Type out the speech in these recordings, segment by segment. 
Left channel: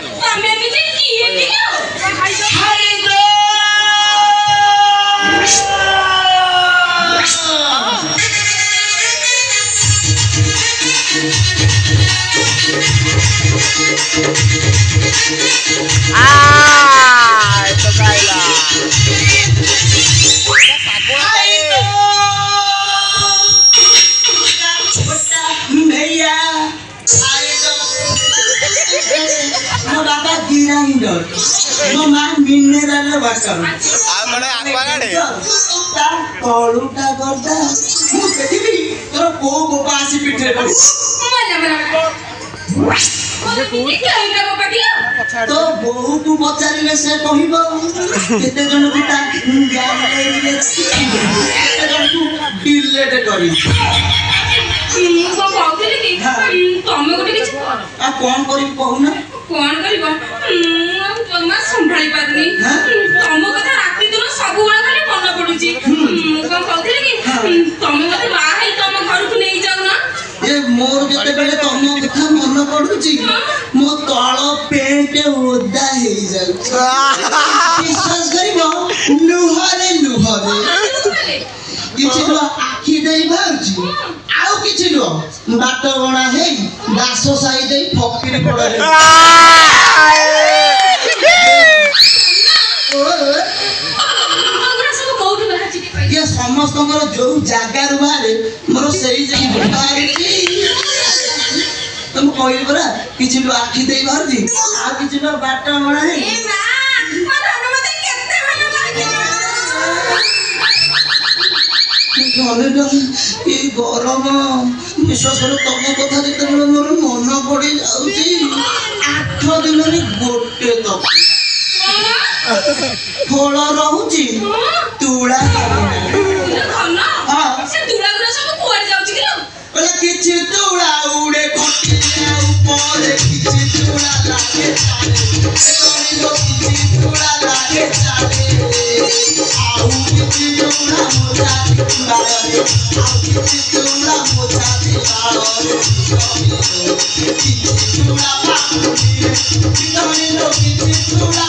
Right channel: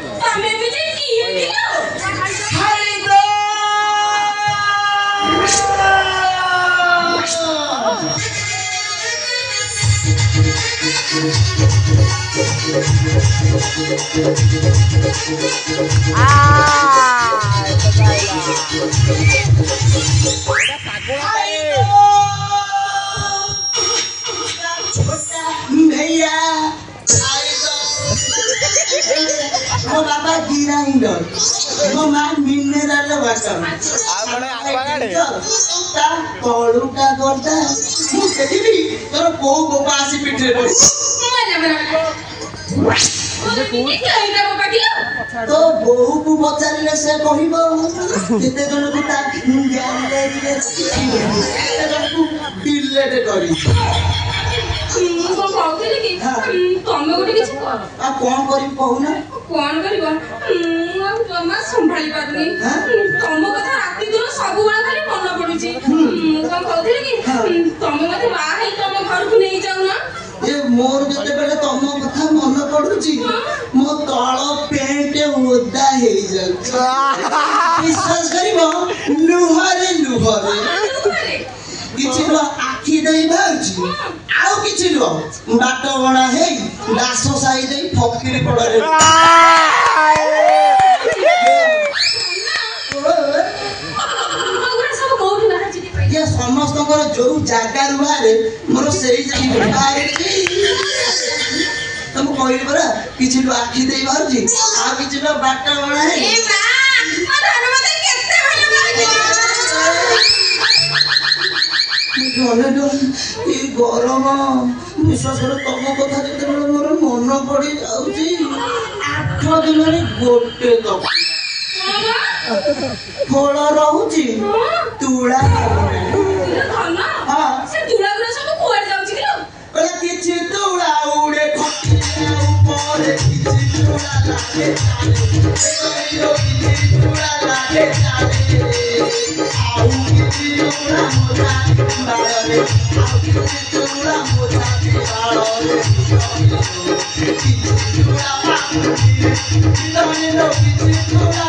ତମେ ନିଜେ କିଏ କିଲୋ esto baila. भैया मो बाबा गिराइंडर मो मां मिनरल वाटर कलुटा करता मु देखिबी तोर को गोबा आसी पिठे पड़ी तो बहु को पचारिले से कहिबो केते जन गुटा केते जन को डिलेट करी ତମେ ଗୋଟେ କିଛି କର आ कौन करी कहूना କଣ କରିବ ଜମା ସମ୍ଭାଳି ପାରୁନି ତମ କଥା ରାତି ଦିନ ସବୁବେଳେ ଖାଲି ମନେ ପଡୁଛି ମୁଁ କଣ କହୁଥିଲି କି ତମେ ମତେ ବାହା ହେଇ ତମ ଘରକୁ ନେଇ ଯାଉନା ए मोर केते बेले तम कथा मन पडुची मो तळ पेंट ओदा हे जाउ विश्वास करिवो लुहरे किछि लो आखी देई भाउची आउ किछि लो बाट बणा हेई दास साई देई फकीर पडले ये समस्त जो जगार बाहर मोर से बाहर तुम कहली परा किसी लोग आखि दे बाहर आ किसी लोग बाटा बना है गरम विश्वास कर तुम कथा जो मोर मन पड़ी जाऊँगी 8 दिन गोटे तक फल रोची तुला किसी तुला उड़े ऊपर किसी तुला लागे किसी तुला लागे आउ किसी तुला मोजा बारे आउ किसी तुला मोजा किसी तुला किसी तुला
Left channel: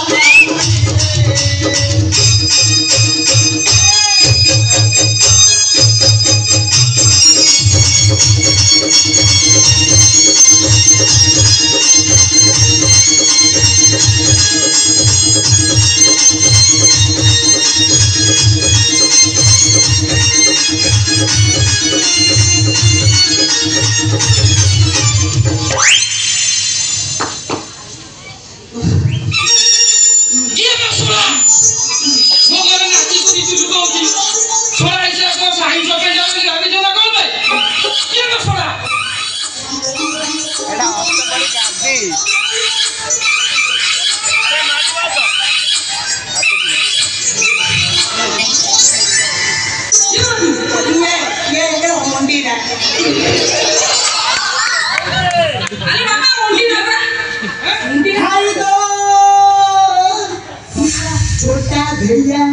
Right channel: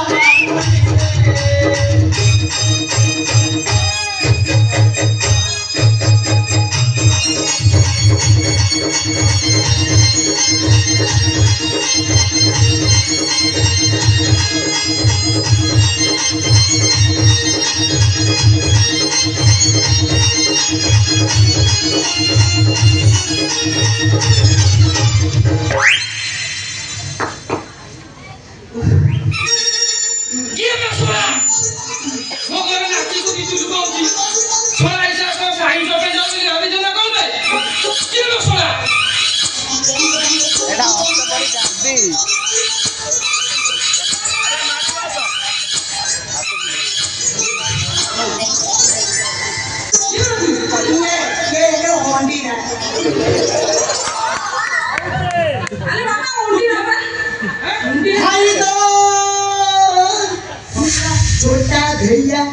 छोटा भैया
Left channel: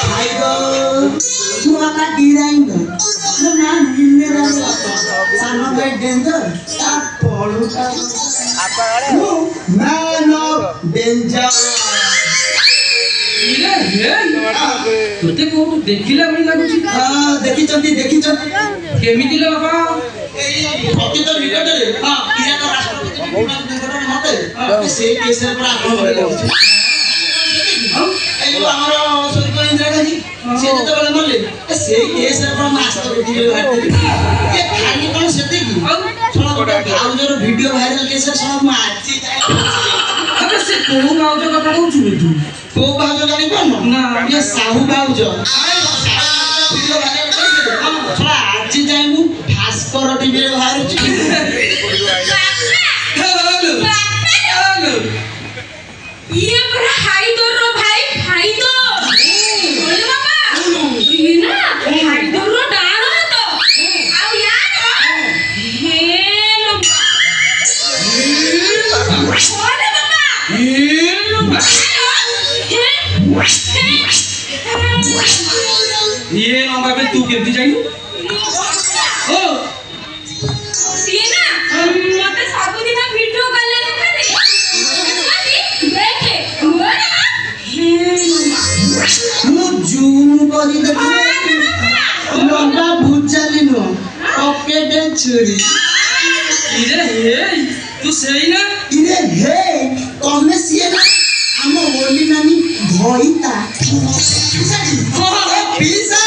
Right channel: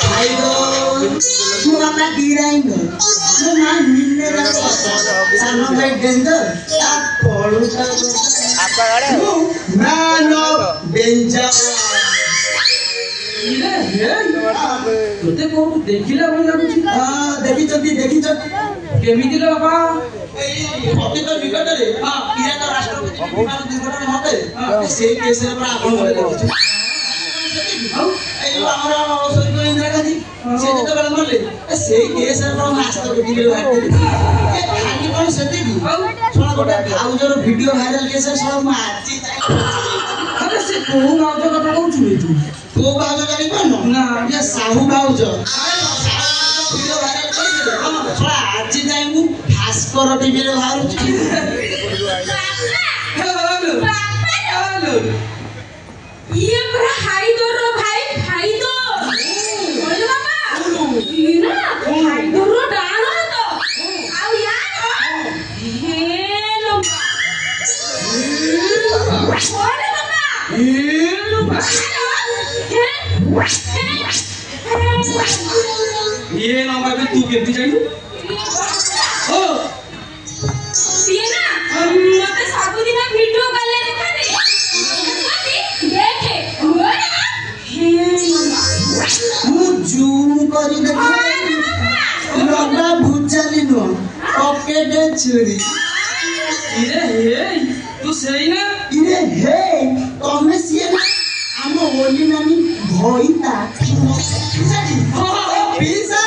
भाई दो मुआमा गिराइंडर मुआ मिनरल सानो भाई डेंजर ता पड़ुटा मैन ऑफ डेंजर तोते को देखिला भई लागुची देखि चंती केमिति ले बाबा अति तो निकट रे हां इराक राष्ट्रपति विमान दुर्घटना होते से केस पर आपण बोले ଆମର ସ୍ୱର୍ଗୀୟ ଇନ୍ଦିରା ଗାନ୍ଧୀ ସେ ଯେତେବେଳେ ମଲେ ସେଇ କେସରେ ମାଷ୍ଟର ଭିଡିଓ ବାହାରିଥିଲେ ଏ ଖାଲି କଣ ସେତିକି ଶୁଣ ଗୋଟେ ଭାଉଜର ଭିଡିଓ ଭାଇରାଲ କେସରେ ସବୁ ମୁଁ ଆଜି अरे से कोउ भाउज କଥା କହୁଛୁ ତୁ କୋଉ ଭାଉଜ ଜାଣି ପାରୁନ ନା ଏ ସାହୁ ଭାଉଜ ଭିଡିଓ ଭାଇରାଲ କରିଥିଲେ ଶୁଣ ଆଜି ଯାଇ ମୁଁ ଭାସ୍କର ଟିଭିରେ ବାହାରୁଛି हेलो हेलो ये बड़ा हाइदर रो भाई हाइदर बोले बाबा ये ना हाइदर रो डाण तो आउ यार हे लंबा बोले बाबा ये लंबा ये लंबा पे तू केती जाई ओ ये ना मते सब दिन वीडियो कॉल ले देखा दे छुरी इरे हे तू सही ना इरे हे तमे सिए ना हम ओली नानी भइता पिसा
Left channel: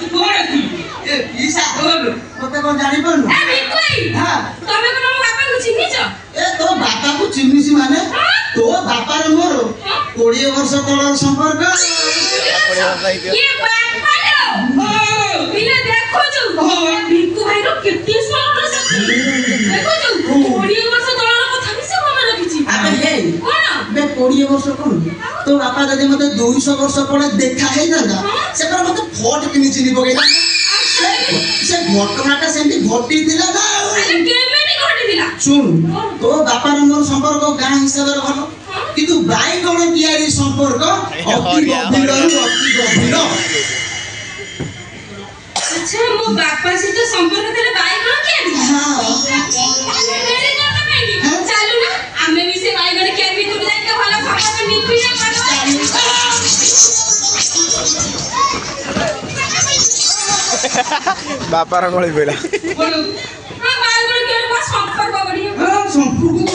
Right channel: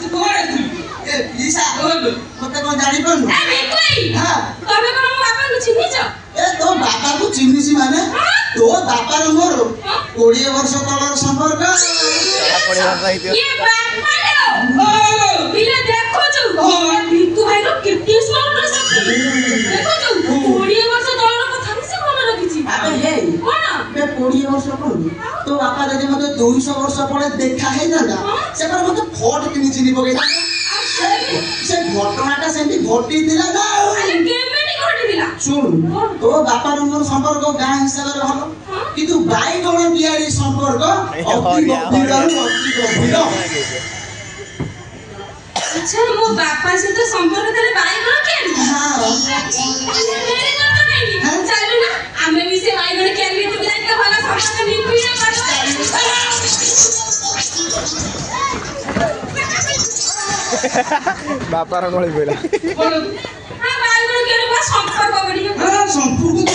तू कोन है तू ए पिसा मते कोन जानि पनु ए भिकोई हां तमे कोन मो बापा को चिन्हिच ए तो बापा को चिन्हिसी माने तो बापा रे मोर 20 वर्ष तलर संपर्क ये बापा लो पिले देखो छु भिकु भाई रो केते स्मार्ट से देखो छु 20 वर्ष तलर कथा भी से मन रखिछि अबे हे कोन बे 20 वर्ष कोन तो बापा जदि मते 200 वर्ष पड़े देखा हे जादा से पर मते फोट किनि चिनि पगे से घटनाटा सेंती घटी दिला ना अरे केमेटी घटी दिला सुन तो बापा रो मोर संपर्क गां हिसाब रे भलो किंतु बाई कोन कियारी संपर्क अति गभीर अच्छा मो बापा से तो संपर्क तेरे भाई कोन कियारी हां तेरे करता नहीं चालू ना हमें भी से भाई कोन कियारी तो जाई के वाला संपर्क निपिए बापा रा गଳି पइला हां भाई कोन कियारी पास संपर्क बढ़िया हां संपर्क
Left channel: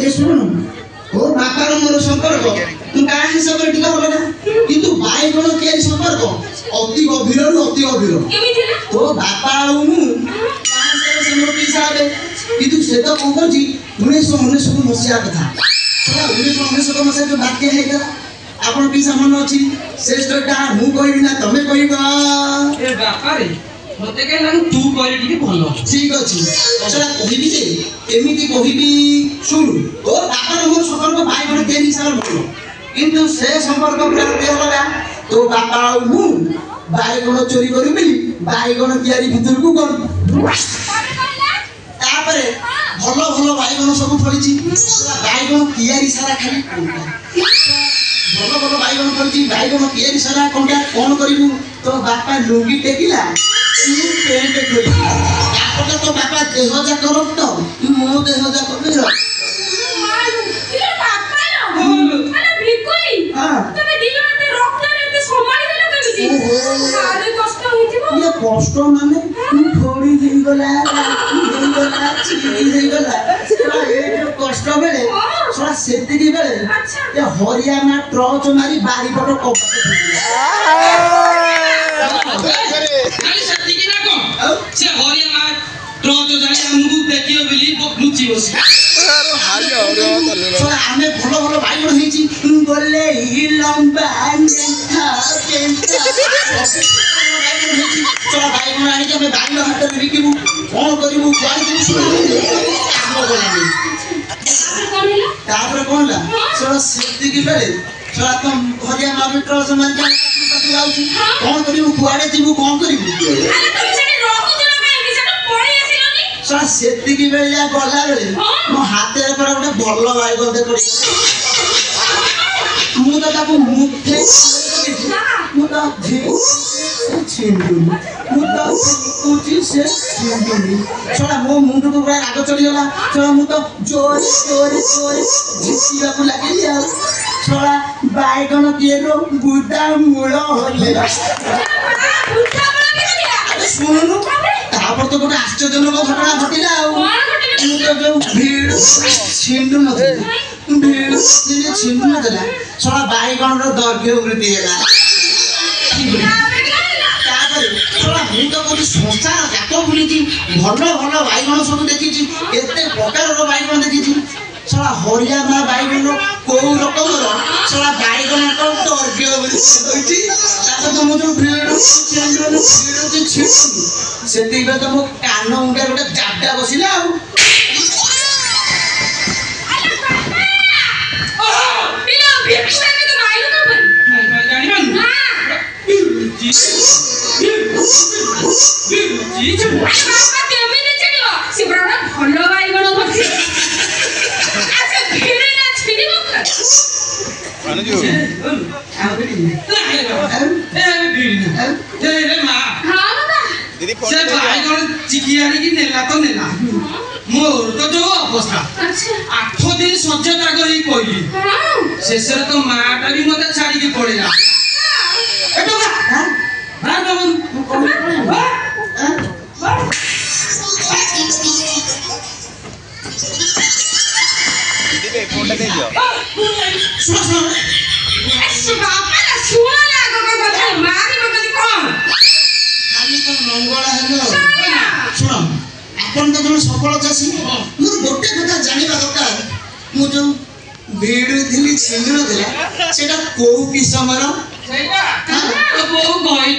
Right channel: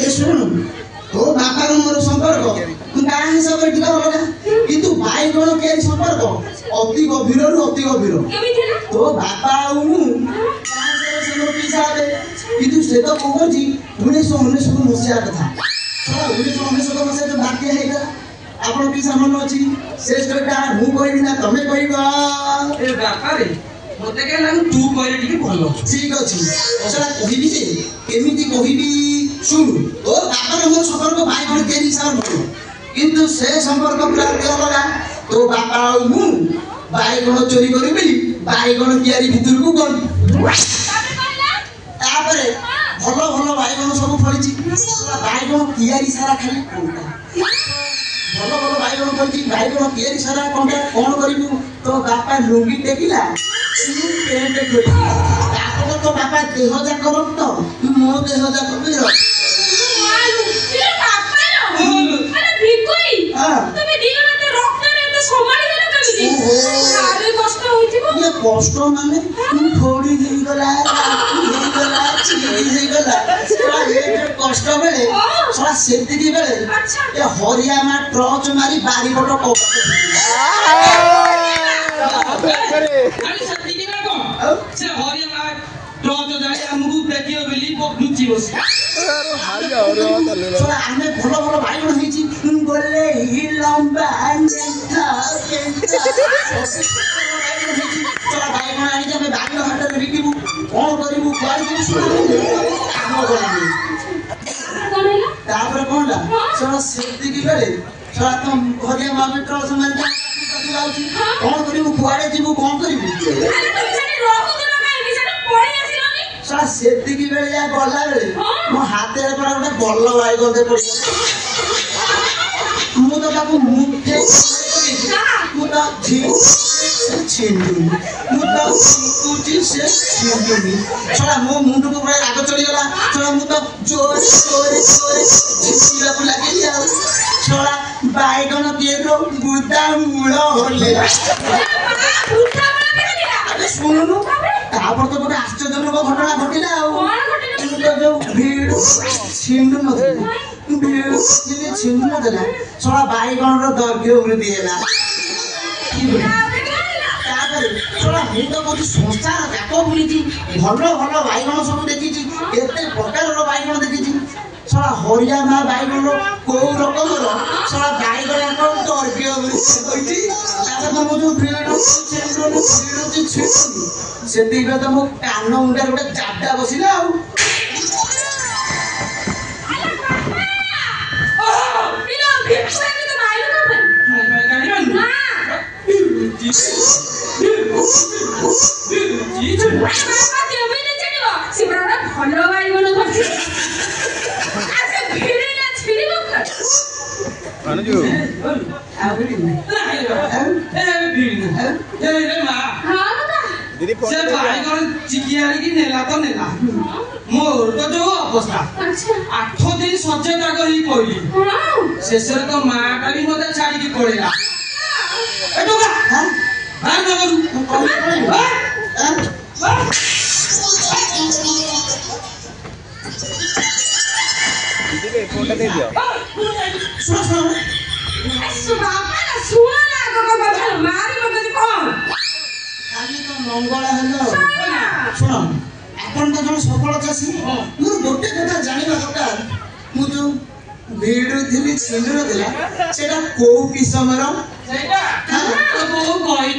ए सुन तो बापा रो मोर संपर्क गां हिसाब रे टिका भलो ना किंतु बाई कोन कियारी संपर्क अति गभीर केमी थिले तो बापा आउ मु गां हिसाब से मोर पैसा आबे किंतु से तो कोन जी 1919 मसिया कथा 1919 मसिया जो बाकी है आपण पैसा मन अछि से स्टोरीटा मु कहबी ना तमे कहबा ए बापा रे मते के लागू तू कहले टिके भलो ठीक अछि ओसरा कहबी जे एमिति कहबी सुन तो बापा रो मोर संपर्क भाई बण के हिसाब भलो किंतु से संपर्क पूरा के लगा तो बापा आउ मु भाई गण चोरी करबी भाई गण कियारी भितर को गण तापरे भलो भलो भाई गण सब फळिछि भाई गण कियारी सारा खाली भलो भलो भाई गण फळिछि भाई गण कियारी सारा कोन करिबु तो बापा लुंगी टेकिला पेंट खोई तापरे तो बापा देह जाक रक्त मो देह जाक बिर तेरे बापा लो अरे भिकोई हां तमे दिन रात रक्त रे संभाली देला केमिति ओहो आरे कष्ट होइथिबो ये कष्ट माने थोड़ी देई गला चिड़ी देई गला ए जो कष्ट बेले सरा सेति की बेले अच्छा ये हरियाणा ट्रच मारी बारी बड़ कप खाली सत्ती की ना को से हरियाणा ट्रक जाई हमहु देखियो बिली लुचि बसी सरा हमें भलो भलो भाई बण हेची बोले ही लंबा नेथा सरा भाई बण आनी के भाई हाथ रे बिकिबु कोन करिबु कोइ दिस काम करनी कोन हैला तापर कोन ला सरा सेति की बेले सरा तुम हरिया मारी ट्रच मारी कोन करिबु कुआडे जिबु कोन करिबु अरे तमे सेठी रहउतला काई सेठी पळी आसिलोनी सरा सेति की बेले या गला रे मो हाथ रे पर गोटे बल्ल भाई गदे पड़ी मु तो ताको मुठे मु तो छिंडू मु तो कुछ से छिंडूनी सरा मो मुंड को पूरा राग चढ़ी गला सरा मु तो जोर झिसिला को लागे जा सरा बाइगन केरो गुदा मूल होले उठा बड़ा के दिला सुननु तापर तो गोटे आश्चर्यजनक घटना घटिला कोन घटना जो भीड़ छिंडू नथिला भीड़ छिंडू नथिला सरा बाइगन रो दर्घ्य वृद्धि हैला ମୁଁ ତ କହୁଛି ସଂସାର ଯାକ ବୁଲିଛି ଭଲ ଭଲ ବାଇଗଣ ସବୁ ଦେଖିଛି କେତେ ପ୍ରକାରର ବାଇଗଣ ଦେଖିଛି ସଳା ହରିୟାଣା ବାଇଗଣ କୋଉ ରକମର ସଳା ବାଇଗଣର ଦୈର୍ଘ୍ୟ ରହିଛି ତାପରେ ତମ ଯୋଉ ଭିଡ଼ ସେତିକିରେ ତ ମୋ କାନ ମୁଣ୍ଡରେ ଗୋଟେ ଜାଡା ବସିଲା ଆଉ दीदी से भाई कौन चिकियारी की नेला तो नेला मोर तो जो अवस्था अच्छा 8 दिन सज्जता करी पइली हाँ शेषर तो माटा भी मते छाड़ी के पड़ेगा ए टोका हां बाहर न करू तू कौन पड़े सुनो ऐसे बापा ना सुना लागो के কথা मारी मत कौन खाली तो मंगल हेलो सुना ଶୁଣ ଆପଣ ତ ଜଣେ ସଫଳ ଚାଷୀ ମୋର ଗୋଟେ କଥା ଜାଣିବା ଦରକାର ମୁଁ ଯୋଉ ଭିଡୁଥିଲି ସିନ୍ଦୁର ଥିଲା ସେଟା କୋଉ କିସମର ସେଇଟା ତ ବହୁ ଗଇ